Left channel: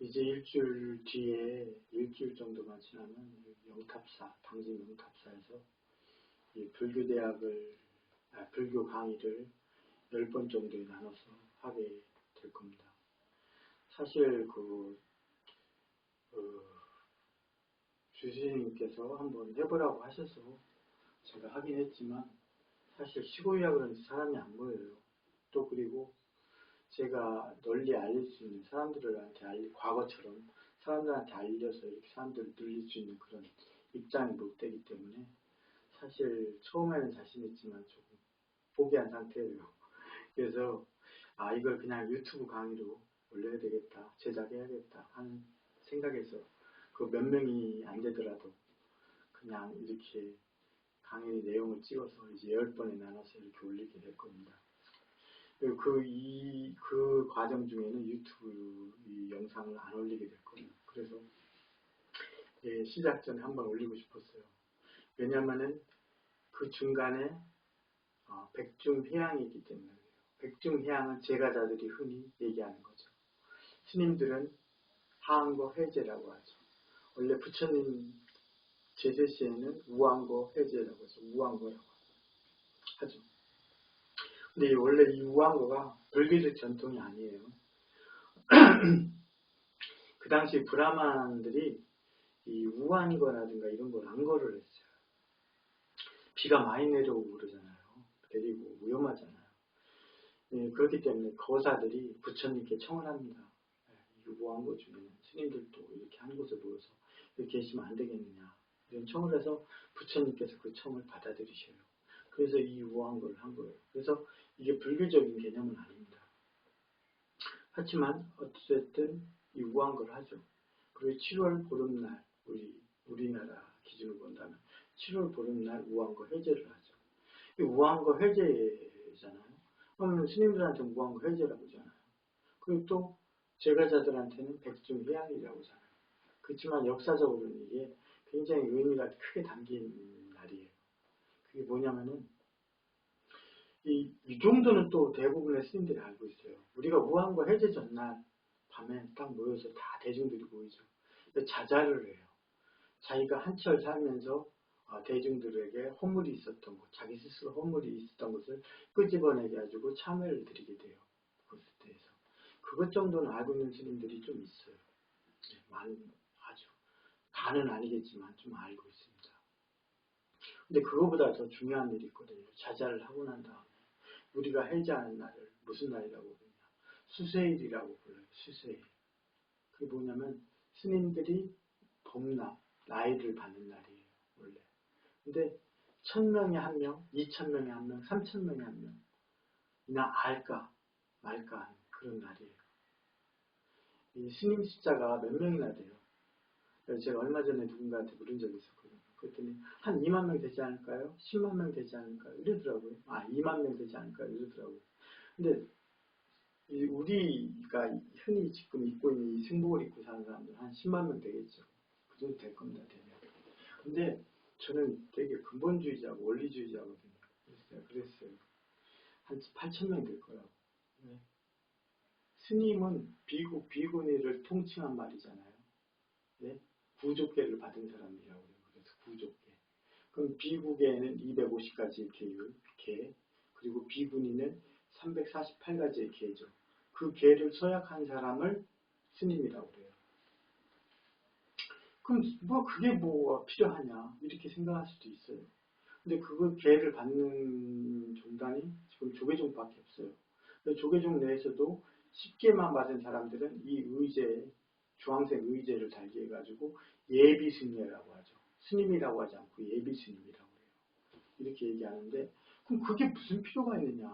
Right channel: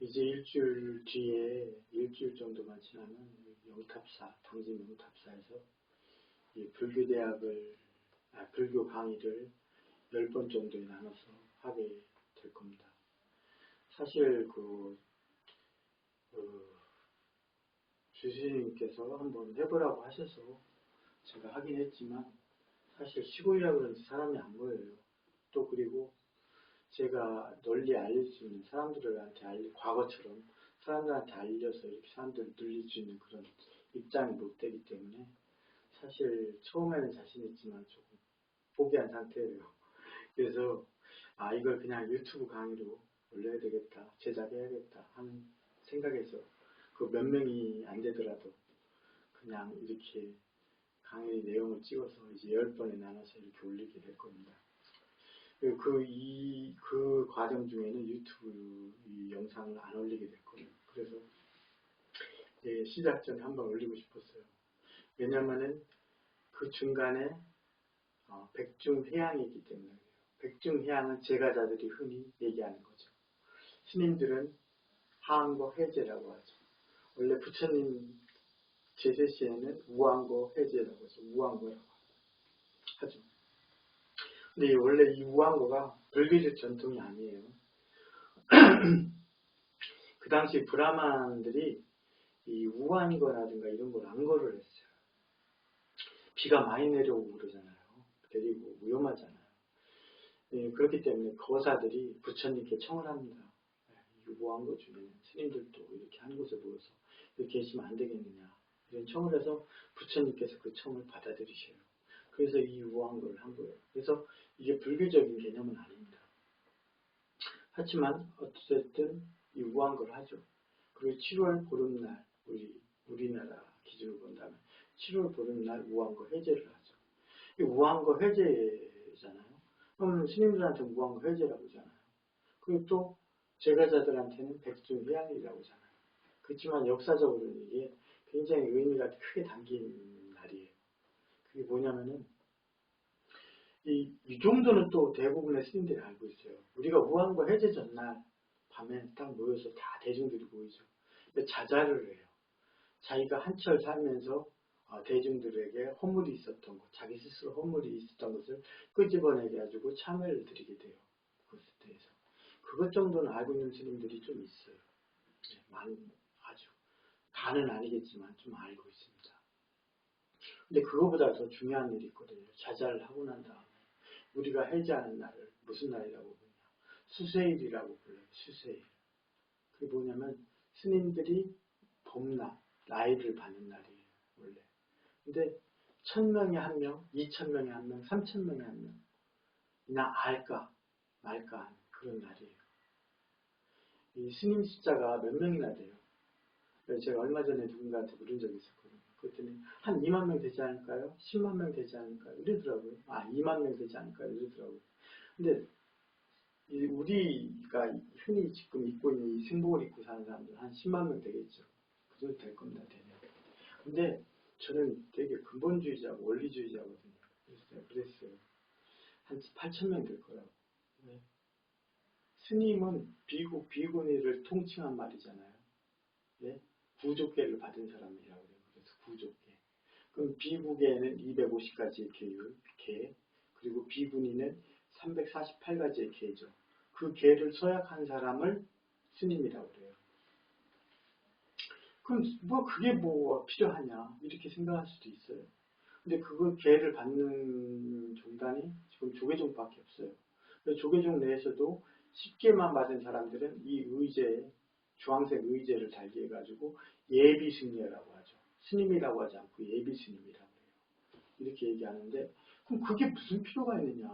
이제 일주일 뒤에, 일주일 정도만 지나면 영탑사, 당진 영탑사에서 이 불교 강의를 10번 정도에 나눠서 하게 될 겁니다. 사실 주시님께서 한번 해보라고 하셔서 제가 하긴 했지만, 사실 시골이라 그런지 사람이 안 모여요. 또 그리고 제가 널리 알릴 수 있는, 사람들한테 과거처럼 사람들한테 알려서 이렇게 사람들을 늘릴 수 있는 그런 입장이 못 되기 때문에 사실 처음에는 자신 있지만 조금 포기한 상태예요. 그래서 이걸 그냥 유튜브 강의로 올려야 되겠다, 제작해야겠다 하는 생각에서 그 몇 명이 안 되더라도 그냥 이렇게 강의 내용을 찍어서 이제 10번에 나눠서 이렇게 올리게 될 겁니다. 그 과정 중에는 유튜브 이 영상을 안 올리게 될 거예요. 그래서 시작 전에 한번 올리고 싶었어요. 왜냐면은 그 중간에 백중회양이 있기 때문에 그래요. 백중회양은 제가자들이 흔히 얘기하는 거죠. 스님들은 하안거 회제라고 하죠. 원래 부처님 제세 시에는 우안거 회제라고 해서 우안거라고 하죠. 근데 원래 이 우안거가 불교적 전통이 아니에요. 그 당시 브라만들이 이 우안거라든가 이런 걸 안거를 했어요. 비가 많이 내려오고 그러잖아요. 그리고 위험하잖아요. 그렇기 때문에 거사들이 부처님께 청을 합니다. 이 우안거 중에는 스님들도 이렇게 한 곳에 모여서 이렇게 계시면 안 되겠느냐, 이런 청을 해서 부처님께서 그 청을 받아들이셔요. 그래서 이 우안거를 한 거예요. 그래서 이게 불교적인 개념은 아닙니다. 하지만 어쨌든 이 우안거를 하죠. 그리고 7월 보름날, 우리나라 기준으로 본다면 7월 보름날 우안거 회제를 하죠. 이 우안거 회제잖아요. 그러면 스님들한테 우안거 회제라고 하잖아요. 그리고 또 제가자들한테는 백중회양이라고 하잖아요. 그렇지만 역사적으로는 이게 굉장히 의미가 크게 담긴 날이에요. 그게 뭐냐면은 이 정도는 또 대부분의 스님들이 알고 있어요. 우리가 우안거 해제 전날 밤에 딱 모여서 다 대중들이 모이죠. 자자를 해요. 자기가 한철 살면서 대중들에게 허물이 있었던 것, 자기 스스로 허물이 있었던 것을 끄집어내게 가지고 참회를 드리게 돼요. 그것에 대해서. 그것 정도는 알고 있는 스님들이 좀 있어요. 아주. 다는 아니겠지만 좀 알고 있습니다. 근데 그거보다 더 중요한 일이 있거든요. 자자를 하고 난 다음에 우리가 해제하는 날을 무슨 날이라고 부르냐? 수세일이라고 불러요. 수세일. 그게 뭐냐면 스님들이 범나, 나이를 받는 날이에요. 원래. 근데 1000명에 1명, 2000명에 1명, 3000명에 1명 그냥 알까 말까 하는 그런 날이에요. 이 스님 숫자가 몇 명이나 돼요. 그래서 제가 얼마 전에 누군가한테 물은 적이 있었거든요. 그랬더니 한 2만 명 되지 않을까요? 10만 명 되지 않을까요? 이러더라고요. 2만 명 되지 않을까요? 이러더라고요. 근데 우리가 흔히 지금 입고 있는 이 승복을 입고 사는 사람들은 한 10만 명 되겠죠. 그 정도 될 겁니다. 대략. 근데 저는 되게 근본주의자고 원리주의자거든요. 그랬어요. 한 8,000명 될 거라고. 네. 스님은 비구니를 통칭한 말이잖아요. 네? 구족계를 받은 사람이라고 해요. 그래서 구족계. 그럼 비구계에는 250가지의 계, 그리고 비구니는 348가지의 계죠. 그 계를 서약한 사람을 스님이라고 그래요. 그럼 그게 뭐가 필요하냐 이렇게 생각할 수도 있어요. 근데 그걸 계를 받는 종단이 지금 조계종밖에 없어요. 조계종 내에서도 10개만 받은 사람들은 이 의제, 주황색 의제를 달게 해가지고 예비스님이라고 하죠. 스님이라고 하지 않고 예비스님이라고 해요. 이렇게 얘기하는데 그럼 그게 무슨 필요가 있느냐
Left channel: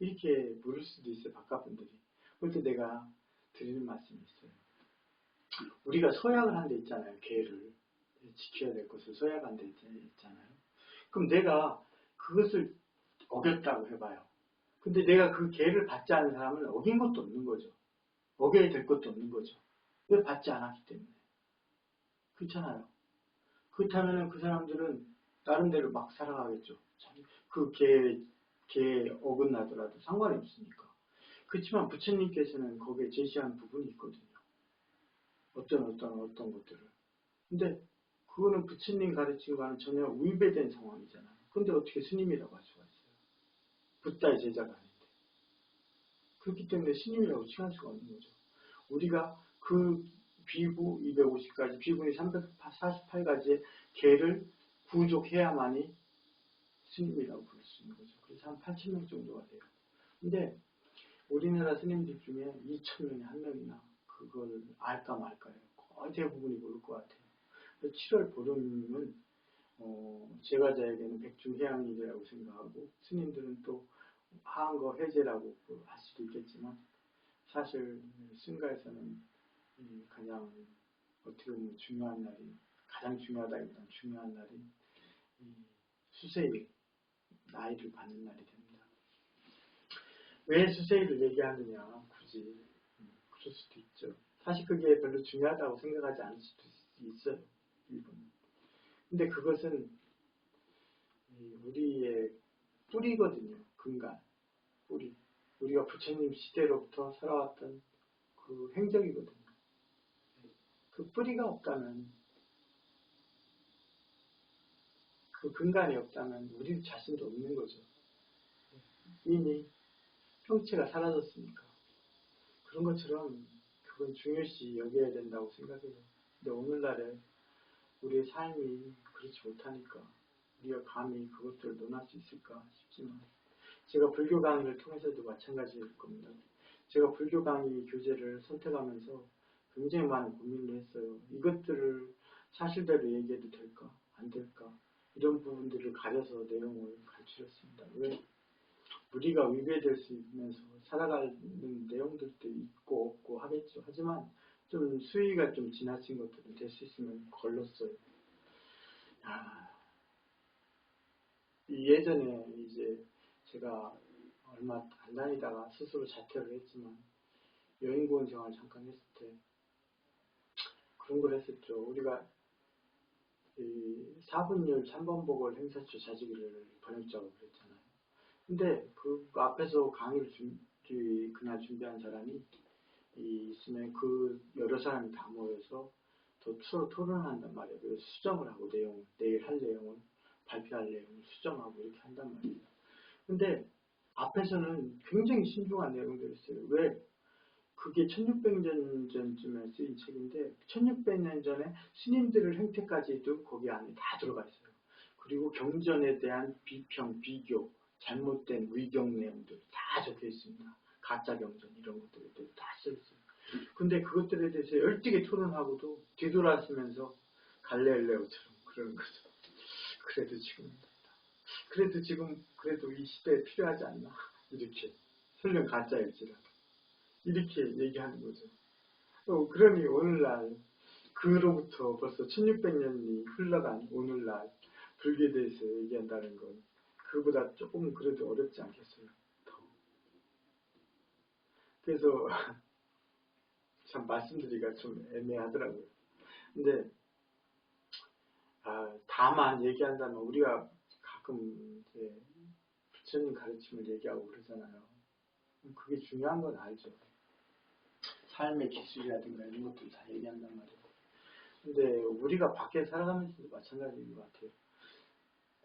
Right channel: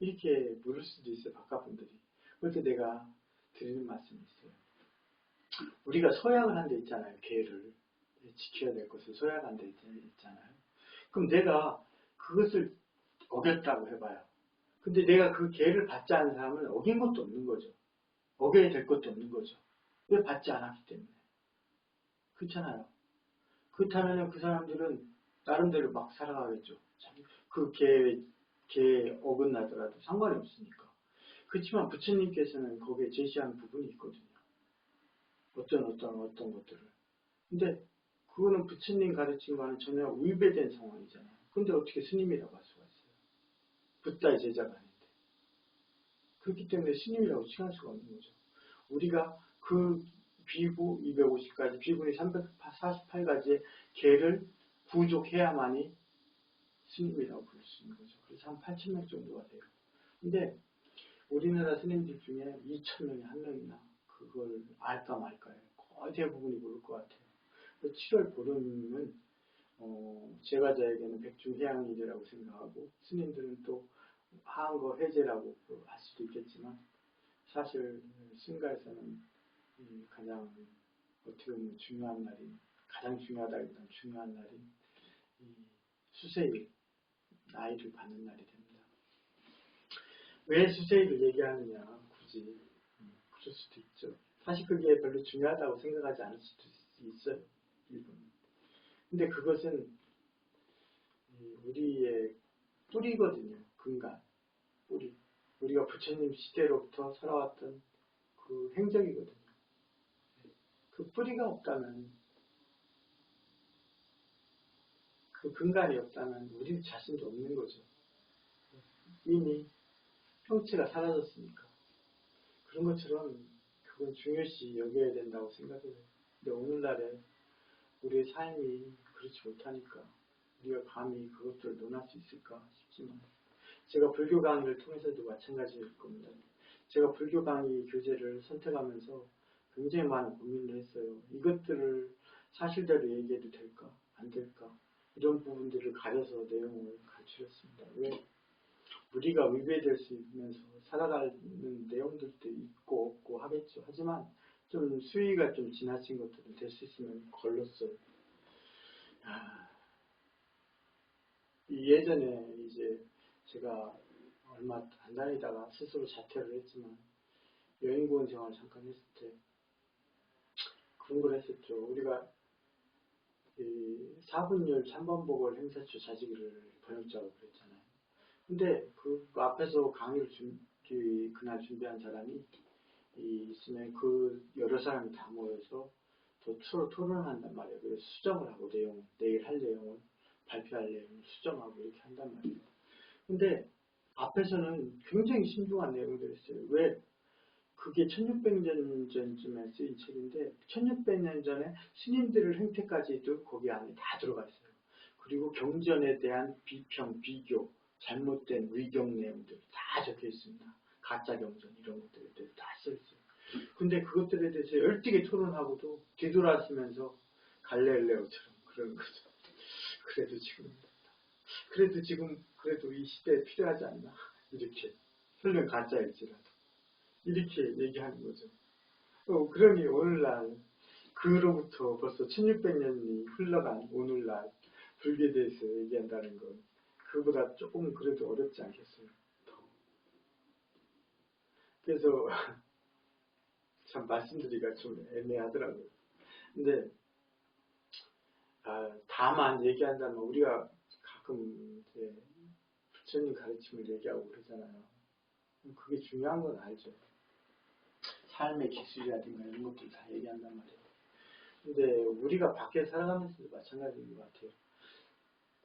이렇게 물을 수도 있어요. 바깥분들이. 그럴 때 내가 드리는 말씀이 있어요. 우리가 서약을 한 데 있잖아요. 계를 지켜야 될 것을 서약한 데 있잖아요. 그럼 내가 그것을 어겼다고 해봐요. 근데 내가 그 계를 받지 않은 사람은 어긴 것도 없는 거죠. 어겨야 될 것도 없는 거죠. 왜 받지 않았기 때문에. 그렇잖아요. 그렇다면 그 사람들은 나름대로 막 살아가겠죠. 그 계에 어긋나더라도 상관이 없으니까. 그렇지만 부처님께서는 거기에 제시한 부분이 있거든요. 어떤 것들을. 근데 그거는 부처님 가르침과는 전혀 위배된 상황이잖아요. 근데 어떻게 스님이라고 할 수가 있어요? 붓다의 제자가 아닌데. 그렇기 때문에 스님이라고 칭할 수가 없는 거죠. 우리가 그 비구 250가지, 비구니 348가지의 계를 구족해야만이 스님이라고 부를 수 있는 거죠. 그래서 한 8,000명 정도가 돼요. 근데 우리나라 스님들 중에 2,000명에 한 명이나 그걸 알까 말까요. 거의 대부분이 모를 것 같아요. 7월 보름은 제가자에게는 백중해양일이라고 생각하고 스님들은 또 하한거 해제라고 할 수도 있겠지만 사실 승가에서는 가장 어떻게 보면 중요한 날이 가장 중요하다기보다는 중요한 날이 수세일 나이를 받는 날이 됩니다. 왜 수세일을 얘기하느냐 굳이 그럴 수도 있죠. 사실 그게 별로 중요하다고 생각하지 않을 수도 있어요. 일본은. 근데 그것은 우리의 뿌리거든요. 근간 뿌리. 우리가 부처님 시대로부터 살아왔던 그 행적이거든요. 그 뿌리가 없다면 그 근간이 없다면 우리 자신도 없는 거죠. 이미 형체가 사라졌으니까. 그런 것처럼 그건 중요시 여겨야 된다고 생각해요. 근데 오늘날에 우리의 삶이 그렇지 못하니까 우리가 감히 그것들을 논할 수 있을까 싶지만 제가 불교 강의를 통해서도 마찬가지일 겁니다. 제가 불교 강의 교재를 선택하면서 굉장히 많은 고민을 했어요. 이것들을 사실대로 얘기해도 될까? 안 될까? 이런 부분들을 가려서 내용을 갖추었습니다. 왜? 우리가 위배될 수 있으면서 살아가는 내용들도 있고 없고 하겠죠. 하지만 좀 수위가 좀 지나친 것들은 될 수 있으면 걸렀어요. 예전에 이제 제가 얼마 안 다니다가 스스로 자퇴를 했지만 여행고원 생활 잠깐 했을 때 그런 걸 했었죠. 우리가 이 4분율 3번복을 행사초 자지기를 번역작업을 했잖아요. 근데 그 앞에서 강의를 그날 준비한 사람이 있으면 그 여러 사람이 다 모여서 서로 토론한단 말이에요. 그래서 수정을 하고 내일 할 내용을 발표할 내용을 수정하고 이렇게 한단 말이에요. 근데 앞에서는 굉장히 신중한 내용들이었어요. 왜? 그게 1600년 전쯤에 쓰인 책인데 1600년 전에 스님들의 행태까지도 거기 안에 다 들어가 있어요. 그리고 경전에 대한 비평, 비교, 잘못된 의경 내용들 다 적혀 있습니다. 가짜 경전 이런 것들에 대해서 다 써 있어요. 근데 그것들에 대해서 열띠게 토론하고도 뒤돌아서면서 갈릴레오처럼 그러는 거죠. 그래도 이 시대에 필요하지 않나 이렇게 설령 가짜일지라도 이렇게 얘기하는 거죠. 그러니 오늘날 그로부터 벌써 1600년이 흘러간 오늘날 불교에 대해서 얘기한다는 건 그보다 조금 그래도 어렵지 않겠어요. 그래서 참 말씀드리기가 좀 애매하더라고요. 근데 다만 얘기한다면 우리가 가끔 이제 부처님 가르침을 얘기하고 그러잖아요. 그게 중요한 건 알죠. 삶의 기술이라든가 이런 것들 다 얘기한단 말이에요. 근데 우리가 밖에 살아가면서도 마찬가지인 것 같아요.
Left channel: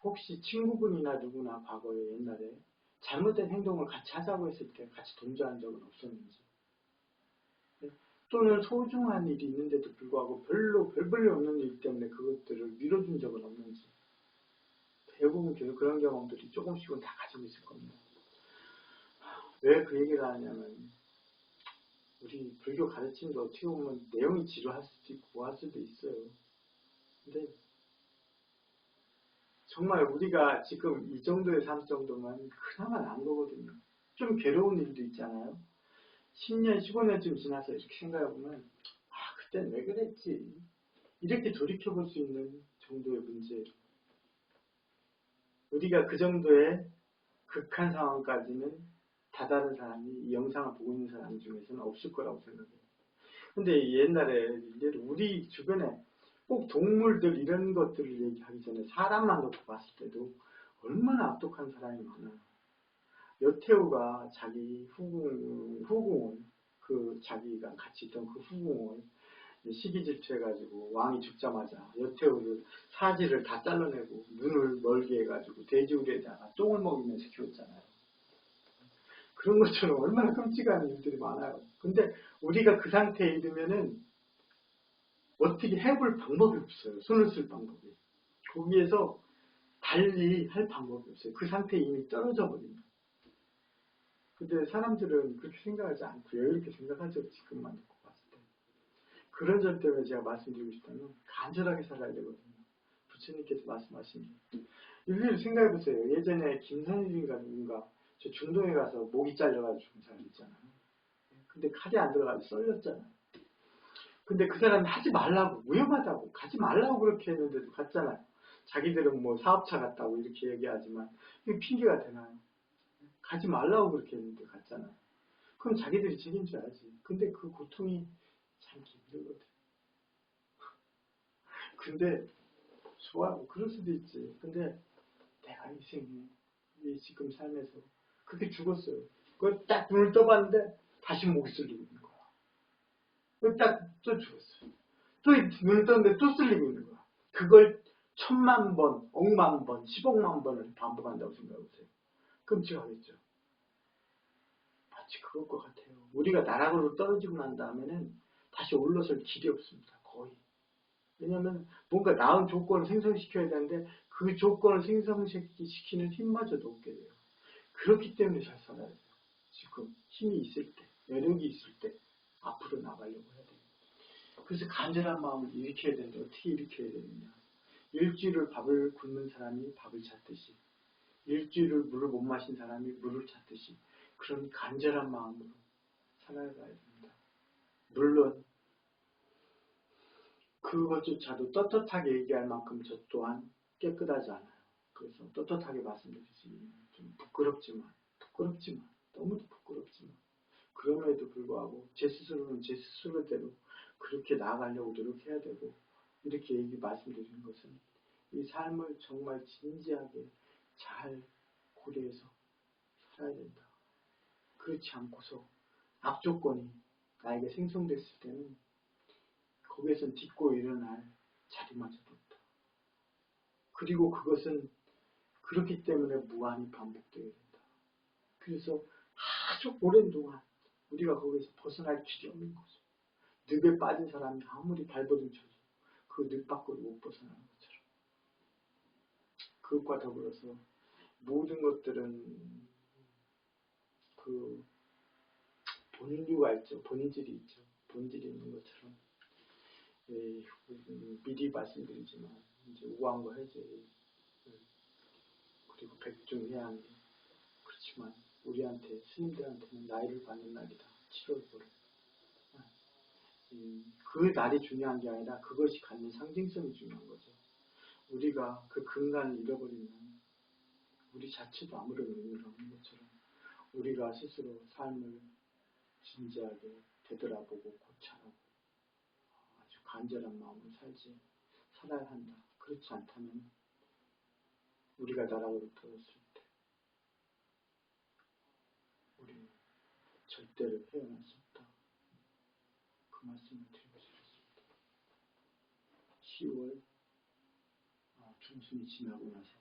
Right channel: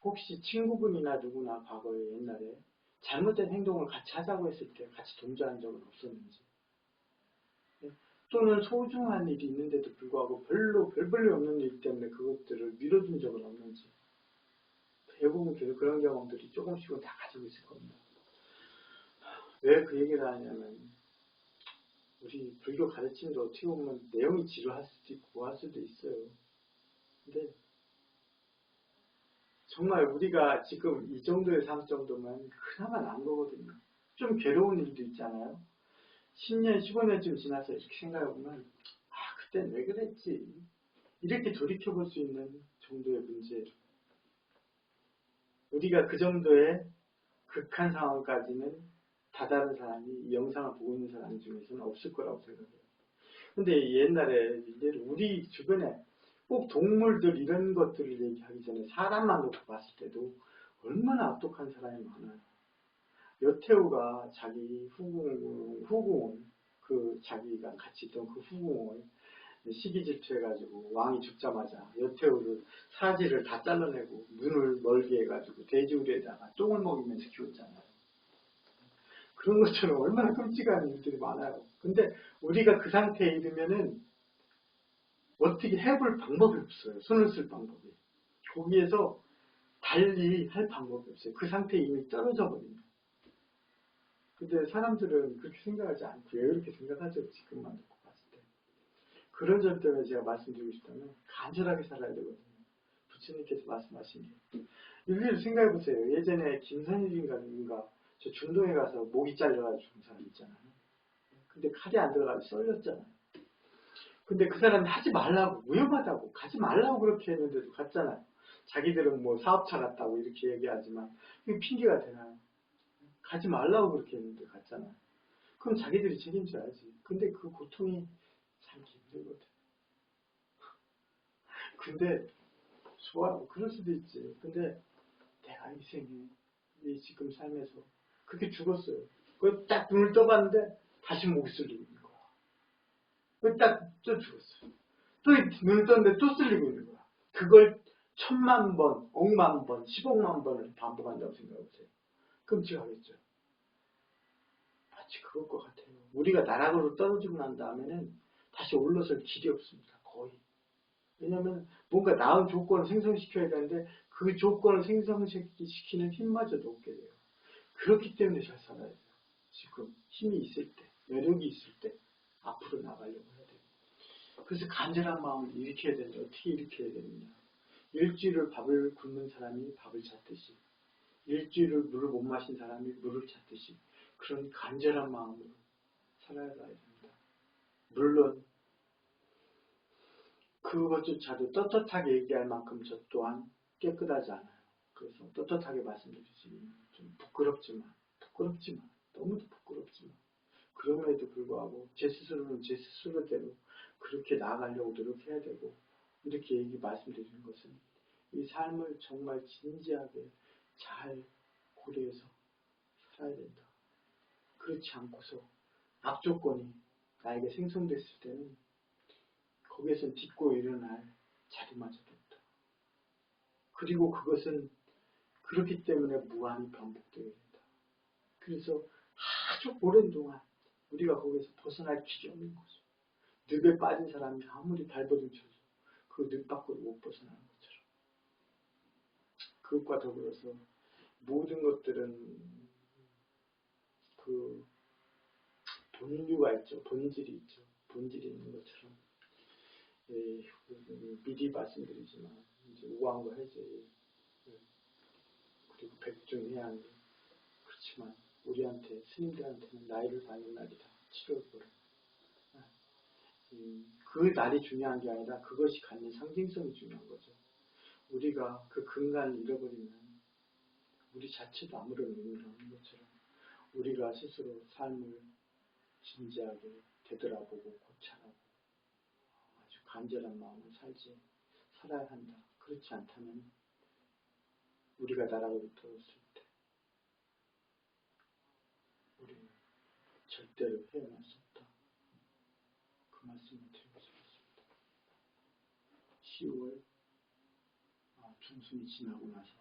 혹시 친구분이나 누구나 과거에 옛날에 잘못된 행동을 같이 하자고 했을 때 같이 동조한 적은 없었는지, 또는 소중한 일이 있는데도 불구하고 별 볼일 없는 일 때문에 그것들을 미뤄둔 적은 없는지, 대부분 계속 그런 경험들이 조금씩은 다 가지고 있을 겁니다. 왜 그 얘기를 하냐면 우리 불교 가르침도 어떻게 보면 내용이 지루할 수도 있고 뭐 할 수도 있어요. 근데 정말 우리가 지금 이 정도의 삶 정도면 그나마 나은 거거든요. 좀 괴로운 일도 있잖아요. 10년, 15년쯤 지나서 이렇게 생각해보면 그땐 왜 그랬지? 이렇게 돌이켜볼 수 있는 정도의 문제예요. 우리가 그 정도의 극한 상황까지는 다다른 사람이 이 영상을 보고 있는 사람 중에서는 없을 거라고 생각해요. 근데 옛날에 이제 우리 주변에 꼭 동물들 이런 것들을 얘기하기 전에 사람만 놓고 봤을 때도 얼마나 악독한 사람이 많아요. 여태우가 자기 후궁을 자기가 같이 있던 그 후궁을 시기 질투해가지고 왕이 죽자마자 여태우를 사지를 다 잘라내고 눈을 멀게 해가지고 돼지우리에다가 똥을 먹이면서 키웠잖아요. 그런 것처럼 얼마나 끔찍한 일들이 많아요. 근데 우리가 그 상태에 이르면은 어떻게 해볼 방법이 없어요. 손을 쓸 방법이. 거기에서 달리 할 방법이 없어요. 그 상태에 이미 떨어져 버립니다. 근데 사람들은 그렇게 생각하지 않고 왜 이렇게 생각하죠? 지금만 듣고 봤을 때. 그런 점 때문에 제가 말씀드리고 싶다면 간절하게 살아야 되거든요. 부처님께서 말씀하신 게. 일일이 생각해보세요. 예전에 김선일인가 누군가 저 중동에 가서 목이 잘려가지고 죽은 사람 있잖아요. 근데 칼이 안 들어가서 썰렸잖아요. 근데 그 사람이 하지 말라고, 위험하다고, 가지 말라고 그렇게 했는데도 갔잖아요. 자기들은 뭐 사업차 갔다고 이렇게 얘기하지만 이게 핑계가 되나요? 가지 말라고 그렇게 했는데 갔잖아요. 그럼 자기들이 책임져야지. 근데 그 고통이 참 힘들거든. 근데 좋아, 그럴 수도 있지. 근데 내가 이 생에 이 지금 삶에서 그렇게 죽었어요. 그걸 딱 눈을 떠봤는데 다시 목이 쓸리고 있는 거야. 그걸 딱 또 죽었어요. 또 눈을 떴는데 또 쓸리고 있는 거야. 그걸 1000만 번, 억만 번, 10억만 번을 반복한다고 생각해보세요. 끔찍하겠죠. 마치 그럴 것 같아요. 우리가 나락으로 떨어지고 난 다음에는 다시 올라설 길이 없습니다. 거의. 왜냐하면 뭔가 나은 조건을 생성시켜야 되는데 그 조건을 생성시키는 힘마저도 없게 돼요. 그렇기 때문에 잘 살아야 돼요. 지금 힘이 있을 때, 여력이 있을 때 앞으로 나가려고 해야 돼요. 그래서 간절한 마음을 일으켜야 되는데 어떻게 일으켜야 되느냐. 일주일을 밥을 굶는 사람이 밥을 찾듯이, 일주일을 물을 못 마신 사람이 물을 찾듯이 그런 간절한 마음으로 살아가야 됩니다. 물론 그것조차도 떳떳하게 얘기할 만큼 저 또한 깨끗하지 않아요. 그래서 떳떳하게 말씀드리지만 좀 부끄럽지만 너무도 부끄럽지만 그럼에도 불구하고 제 스스로는 제 스스로대로 그렇게 나아가려고 노력해야 되고 이렇게 말씀드리는 것은 이 삶을 정말 진지하게 잘 고려해서 살아야 된다. 그렇지 않고서 악조건이 나에게 생성됐을 때는 거기에서 딛고 일어날 자리마저도 없다. 그리고 그것은 그렇기 때문에 무한히 반복되게 된다. 그래서 아주 오랜 동안 우리가 거기서 벗어날 길이 없는 거죠. 늪에 빠진 사람이 아무리 발버둥 쳐도 그 늪 밖으로 못 벗어나는 것처럼. 그것과 더불어서 모든 것들은 그 본류가 있죠. 본질이 있죠. 본질이 있는 것처럼. 미리 말씀드리지만 이제 우왕과 해제 그리고 백중해양 그렇지만 우리한테 스님들한테는 나이를 받는 날이다. 7월 9일. 그 날이 중요한 게 아니라 그것이 갖는 상징성이 중요한 거죠. 우리가 그 근간을 잃어버리면 우리 자체도 아무런 의미가 없는 것처럼 우리가 스스로 삶을 진지하게 되돌아보고 고찰하고 아주 간절한 마음을 살아야 한다. 그렇지 않다면 우리가 나락으로 떨어졌을 때 우리는 절대로 깨어날 수 없다. 그 말씀을 드리고 싶습니다. 10월 중순이 지나고 나서